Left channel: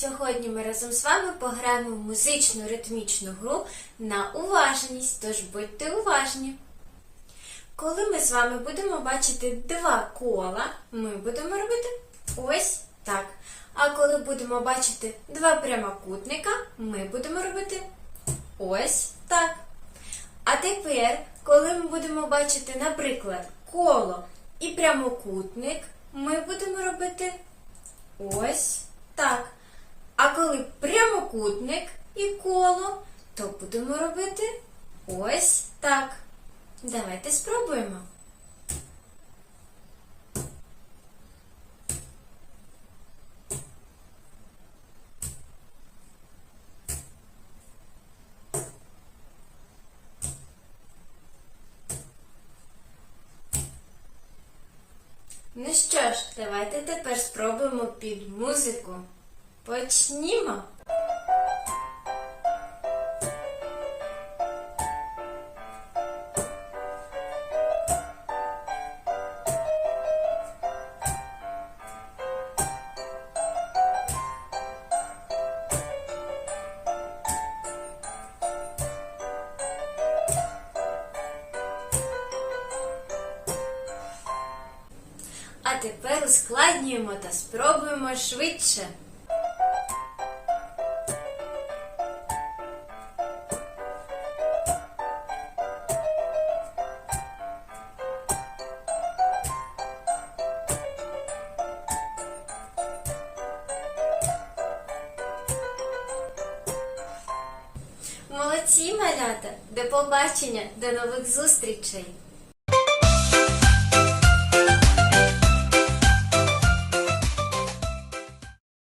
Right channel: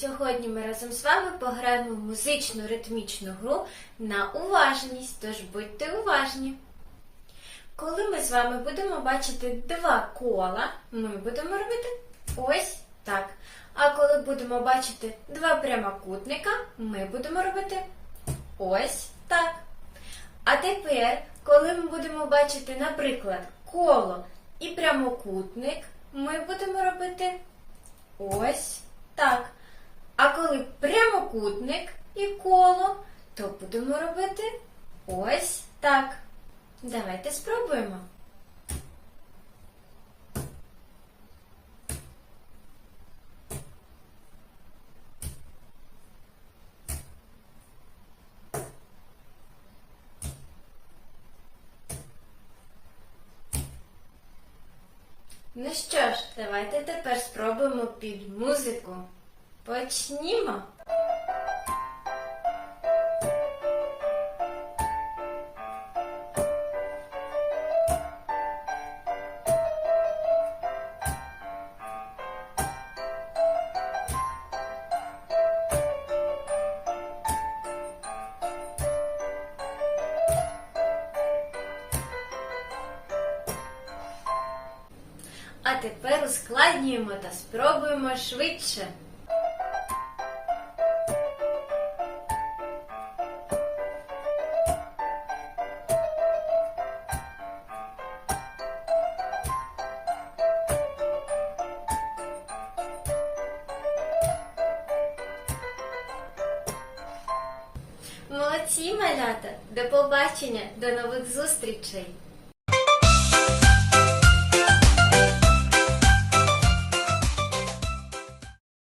Сьогодні ми разом з вами пограємо в музичну ритмічну гру на уважність, тож будьте уважні. Коли ми з вами будемо бачити два кола, ми будемо робити ось так. А коли будемо бачити два прямокутника, ми будемо робити ось так. А тепер, коли ми будемо бачити, наприклад, коло і прямокутник, ми будемо робити ось прямокутник і коло, то будемо робити ось так. Давайте спробуємо. Ну що ж, давайте тепер спробуємо під музику. Почнімо. А тепер ускладнюємо та спробуємо швидше. Молодці, малята! До побачення, до нових зустрічей!